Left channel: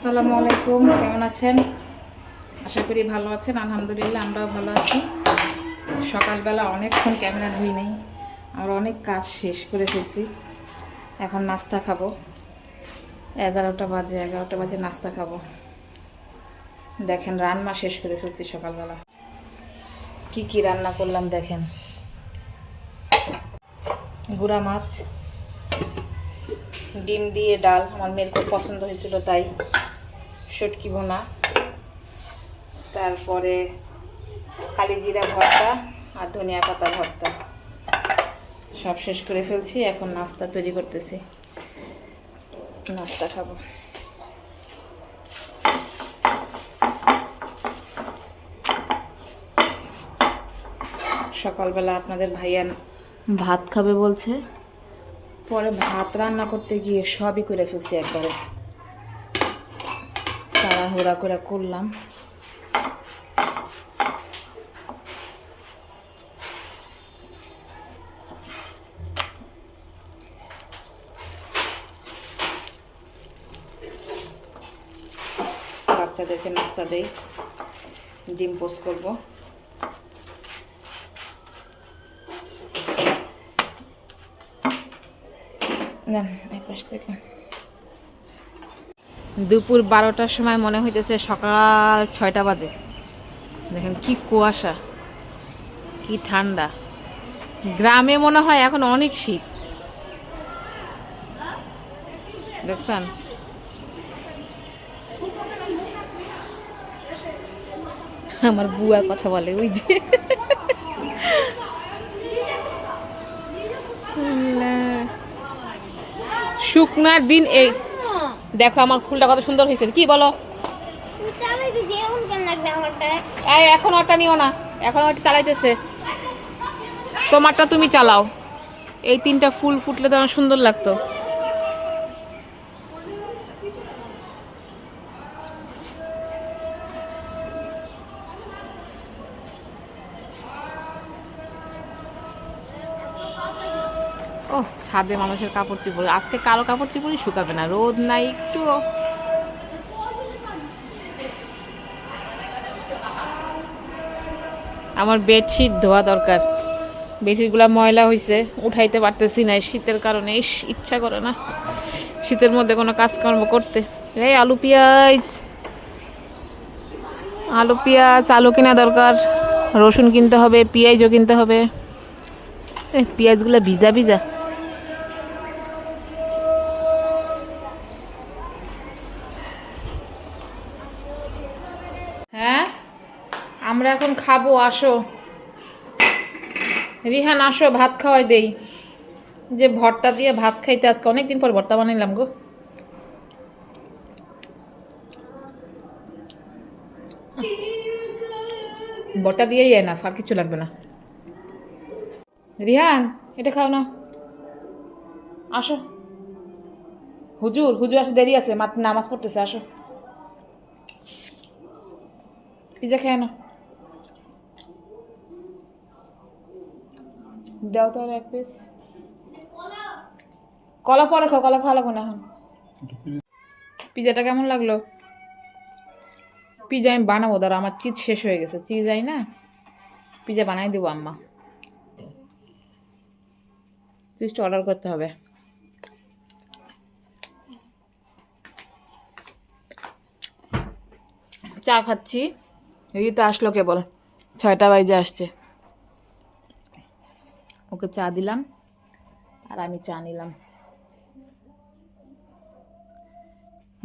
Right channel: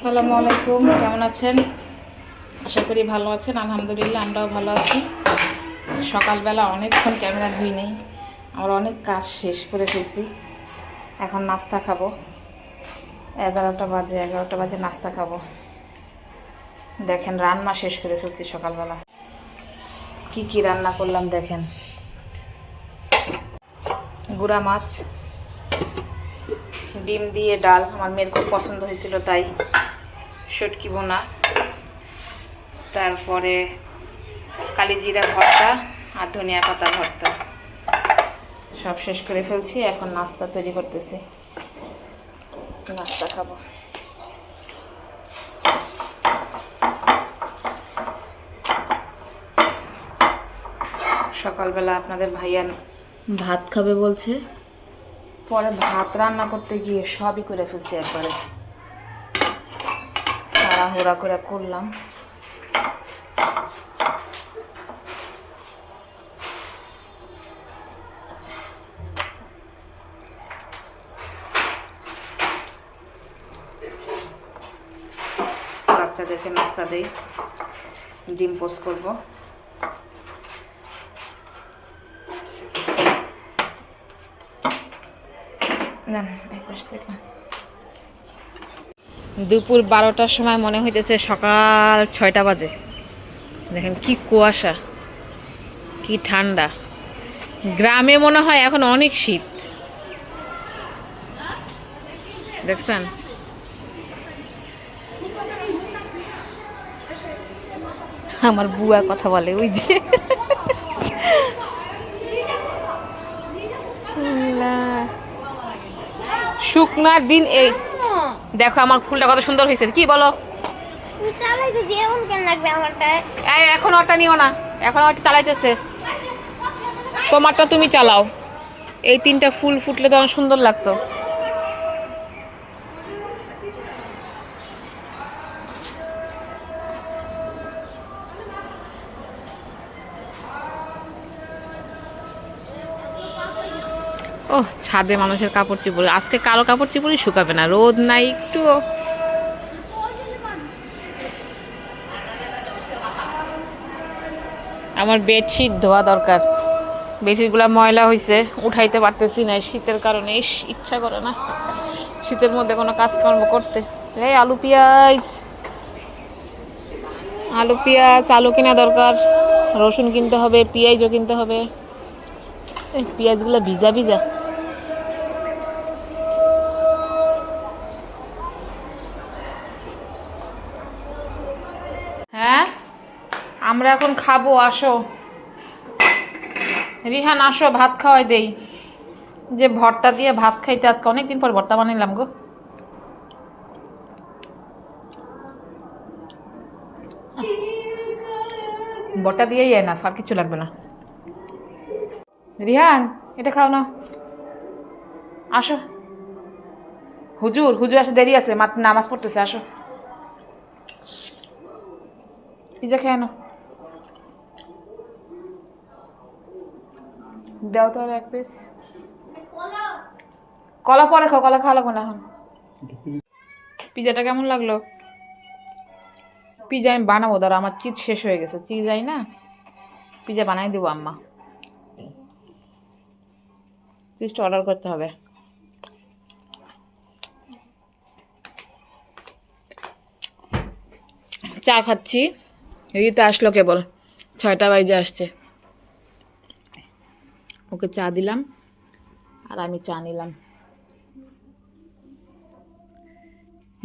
আসসালামু আলাইকুম, কেমন আছেন? আশা করি ভালো আছেন, আলহামদুলিল্লাহ আমরাও ভালো আছি। সকালবেলা অনেকক্ষণ ক্যামেরা ধুই নেই আমার অনেক কাজ শেষ করে ফেলছি। এখন নাস্তা খাব। এগারোটা বাজে এগারোটা বাজে নাস্তা খাব। দেখেন, রান্না শেষ করে ফেলছি সকালবেলা। কি কি রান্না করলাম দেখেন। গুড়া মাছ, ডিম দিয়ে ডাল। আমার মেয়ের খুব পছন্দ হয়েছিল তাই। শুটকি বোনা তারপরে কালিজিরা ভর্তা আর ধনিয়া পাতা ভর্তা। সব শেষ করে ফেলছি, এখন নাস্তা তৈরি করতেছি। নাস্তা খাব। সকালবেলা আপনাদের ভাইয়া ভাত খাবে বলছে। পরে ভাত রান্না করতে গিয়ে সবই করে ফেলছি একবারে। তাড়াহুড়া করে করলাম বাচ্চাদেরকে নাস্তা দেই ডিম পোস্ট করব না এই পাশ থেকে দুপুর বারোটার সময় মনে হইতেছে সকাল ছয়টা বাজে। দেখেন কি কুয়াশা, কি ঠান্ডা। গ্রামে মনে হয় এখন অনেক শীত। দেখছেন? আমার বুয়া কথা বলে ওই যে। শুকনার দিন এই দেখো আমার ফুলটা কত সুন্দর হয়েছে। কি বলো? এখন ওটা নিও না। এখন ওটা চালাইতেছে। তোমারটা তুমি চালাও। এই তিনটা ফুল ফুটলে তো আমার সুন্দর লাগতো। ও ছাদে মানুষের কাপড় চিপড়। আজকে কালো কাপড় চিপড়ই শুকাবে না, রোদ নাই একটুও আমার বেডশিট ধোয়া দরকার। বেডশিটগুলো ময়লা হয়েছে উঠাইতে পারতেছি না শীতের কারণে। ইচ্ছা করে না শীতের মধ্যে কোনো কাজকর্ম করতে। এই আলু, পেঁয়াজ। আলু পেঁয়াজ, আলু কেনা দরকার। রসুন কিনতে হবে, পেঁয়াজও কিনতে হবে। এই পেঁয়াজগুলো ভিজা ভিজা হ্যাঁ আমরা এখন খাব, আসো। রিহান, আসো, ভাত খাওয়াই দেই। যে ভর্তা দিয়ে ভাত খাইতে আজকে অনেকদিন পর ভর্তা বানাইলাম গো। ভর্তা দিয়েই না, আর কিছু লাগবে না। রিহান, এটা খাও না। আসো। হুজুর হুজুর আসে দেরি আছে নামাজ পড়তেছে, আসো। পিজা খেয়ে নাও। দাও তো আর এক পিস কলা পরে খাও, কলা খাওয়া লাগবে না পিজাটা কেমন লাগল? পিজা আমি বানাবো, ধরো আমার চিজ শেষ হয়ে গেছে। চিজ আই না? পিজা বানাই দেবো আম্মা। চিজটা অর্ডার করতে হবে। চা খাচ্ছি। রিতা আসলো কেবল। ছয়টা বাজে আসছে। ওকে চা দিলাম আর আমি চা নিলাম।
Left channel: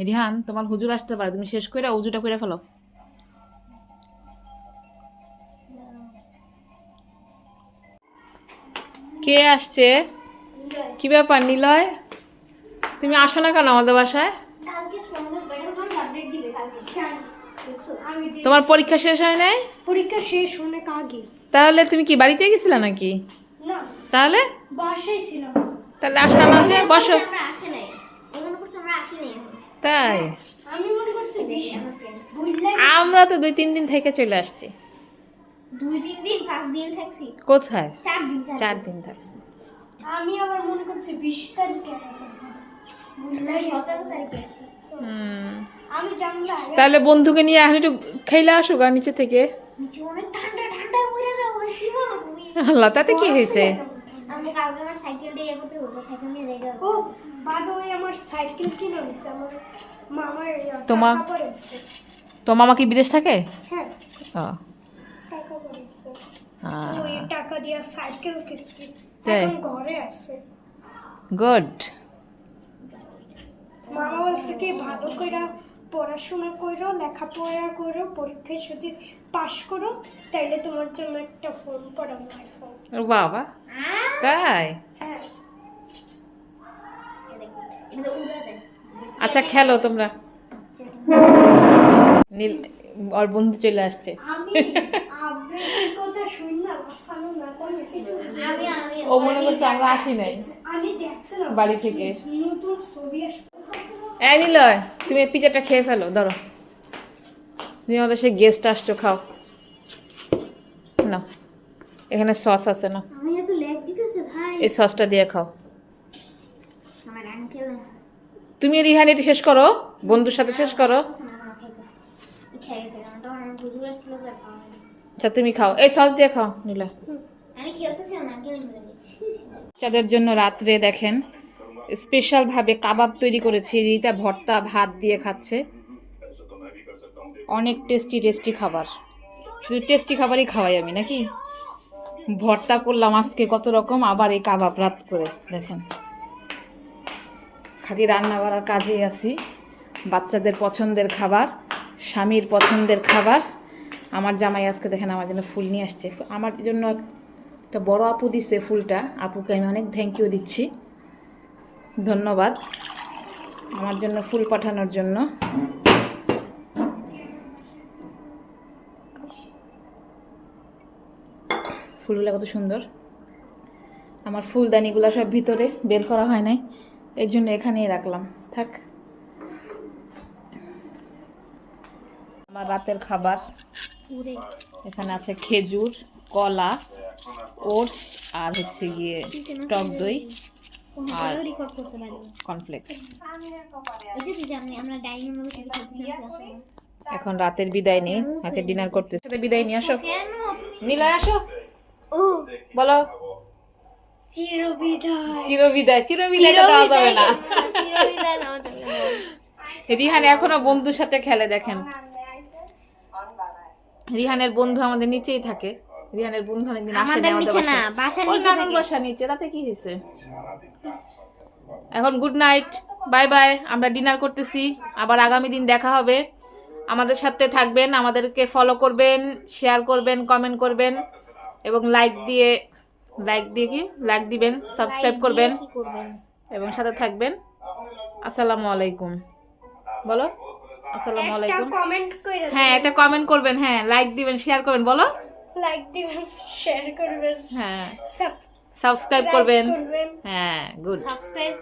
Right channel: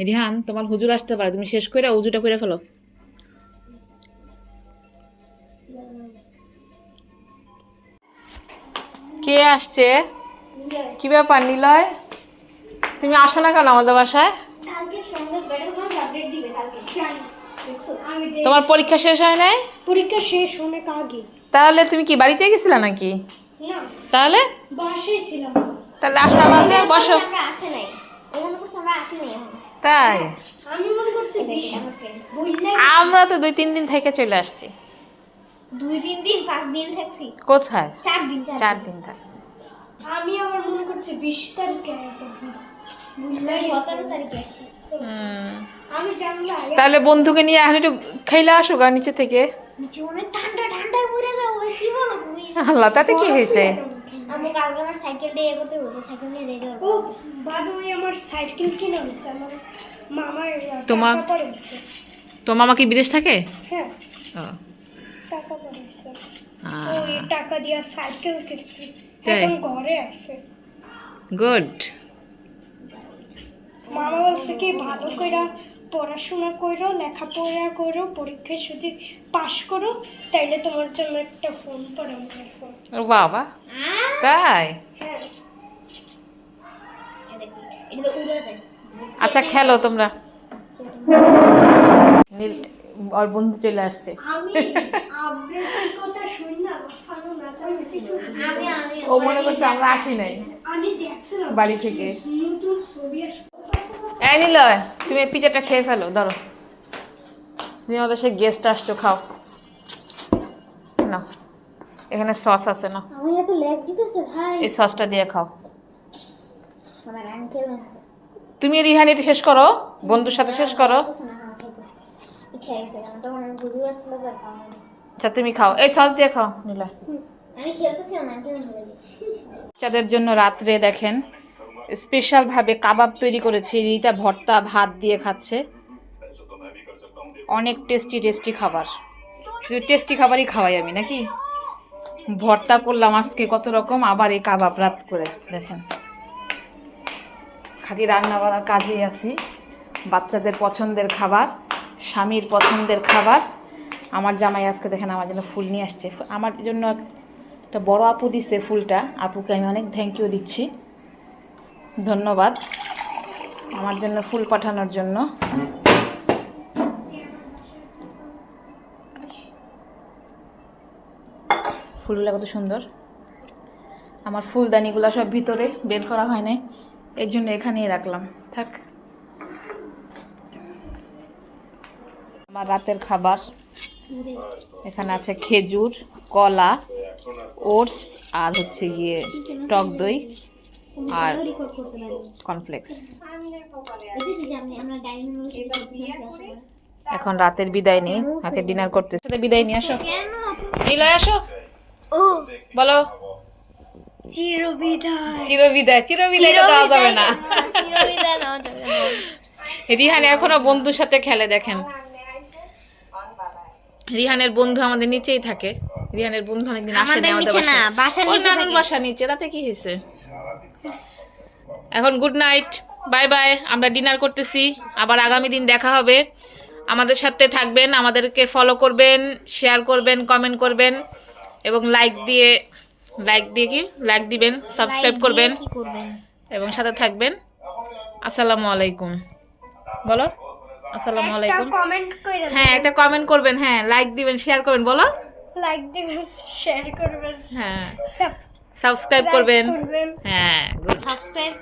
রিহান তোমার হুজুর আসতে পারে তুমি শেষ করে উজুটা করে ফেলো। কে আসছে? কি ব্যাপার নিলয়? তুমি আসো না কেন আমাদের বাসায়? তোমার পরীক্ষা শেষ হয় নাই? পরীক্ষা শেষ অনেক আগে। তাহলে তুমি কি বাড়িতে গেছিলা নাকি? না তাহলে? তাহলে বসো। মনে আমরা আসি নাই। এখন তাই? আমি মনে করছি বেশি আমার তো দুই তিন দিন থেকে চলে আসছি। দুই তিন দিন পাঁচ দিন থাকছি। কোথায়? চার দিন চার দিন। থাকছি। আমি আবার মনে করছি বিশ তারিখে তাহলে বন্ধুকে নিয়ে আসলে একটু খাইলে আসো গা নিচে থেকে। নিচে অনেক ঠান্ডা ঠান্ডা পড়ে যাব কি বলো তুমি? আল্লাহ তাতে কি হয়েছে? আমি কালকে আমার সাইকেল দিয়ে এ করতে বলব সাইকেল নিয়ে ও বাদুমি আমার সাইকেল কিনে দিছে আমার মামার তোমার- মামা কি বিদেশ থাকে? হ্যাঁ। ও। টাকা পড়েছে। আহ, ওই টাকা দিয়ে সাইকেল কিনছি। এখন ঘরে আছে। গুড। মামা বলছে কি ভালো করে পড়াশোনা করো লেখাপড়া করো পরীক্ষায় যদি পাশ করো তাইলে তোমার জন্য একটা ফোন আইফোন বাবা? তাই? হ্যাঁ। আচ্ছা খেলো তোমরা। নীল ওর বন্ধু চলে আসছে। আমি আবৃত্তির কথা শুনি না লাফানো নাচানাচি আমি আমি ও মনে করছে আমরা আসি নাই। বাড়ি থেকে। এই নিল তুমি পিজাটা খেয়ে ফেলো ধরো তুমি আমাদের সে গেস্ট আসছো খাও। না এখানে সস আছে না এই সসটা দিয়ে খাও। তুমি রিহান এটা শেষ করো বন্ধুর সাথে শেষ করো। আচ্ছা তুমি খাও। এই সস দিয়ে খাও নিলে। বাচ্চাদের জন্য রাত্রে দেখেন স্পেশালভাবে কাবাব তৈরি করেছি। রিতা ভর্তা, ভাত দিয়ে খাচ্ছে। অনেক টেস্টি টেস্টি খাবার। শুধু টেস্টি খাবারই খাওয়াই আমি, নাকি? ভর্তা করলাম আজকে কত রকম, আবার এই কাবাব রাত করে, দেখেন। খালি রান্না করার কাজেই আছি। বাচ্চাদের পছন্দের খাবার, স্বামীর পছন্দের খাবার। আমার জামাই আজকে দেখেন আমার জন্য ফুল নিয়ে আসছে। আমার জন্য একটা বড় আপু দিছে ফুলটা। আপুকে আমি অনেক থ্যাংক ইউ দিচ্ছি। ধন্যবাদ আমার জন্য ফুল পাঠানোর জন্য। ফুলগুলো কত সুন্দর। আমার ফুলদানিগুলো সব ভিতরে বের করা হয় নাই, এর জন্য এখানেই রাখলাম। থাক। আমার রাতের খাবার এখানে আছে খেজুর, কলা, ওটস আর হচ্ছে গিয়ে টক দই। আর এখন রাতের বিদায় নিয়ে রাতের ডিনার করতে সাথে বিদায় নিয়ে আসো। নিলয় আসো। ও। বলো। চিরবিদায়। চির বিদায় চির বিদায় তো দেওয়া যাবে না। চিরবিদায় রিহান এখনও বন্ধুর সাথে খেলে দেখেন। রিহানের বন্ধু আমাদের নিচেই থাকে। রিহানের বন্ধু অনেকদিন আসে না আমাদের নিচে না, বাসায়। নিচে বাসা নিচে তাতে কি হয়েছে? এখন গুড নাইট বাই বাই আমরা ডিনার করতেছি আবার আগামী দিন দেখা হবে। আমাদের সাথে থাকবেন আমাদেরকে ফলো করবেন শেয়ার করবেন কমেন্ট করবেন এবং লাইক দিয়ে লাইক দিয়ে কি? লাইক দিবেন সাবস্ক্রাইব করবেন এবং সাথে থাকবেন। আসসালামু আলাইকুম। বলো। আসসালামু আলাইকুম। কমেন্ট করে হ্যাঁ একটা কমেন্ট করবেন হ্যাঁ লাইক দিবেন শেয়ার করবেন বলো। লাইক দিবেন শেয়ার করবেন। হ্যাঁ। সাবস্ক্রাইব করবেন। করবেন। হ্যাঁ গুড সাবস্ক্রাইব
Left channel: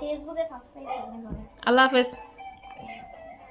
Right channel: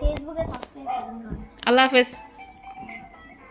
ফেসবুকে সাবস্ক্রাইব করবেন। আল্লাহ হাফেজ।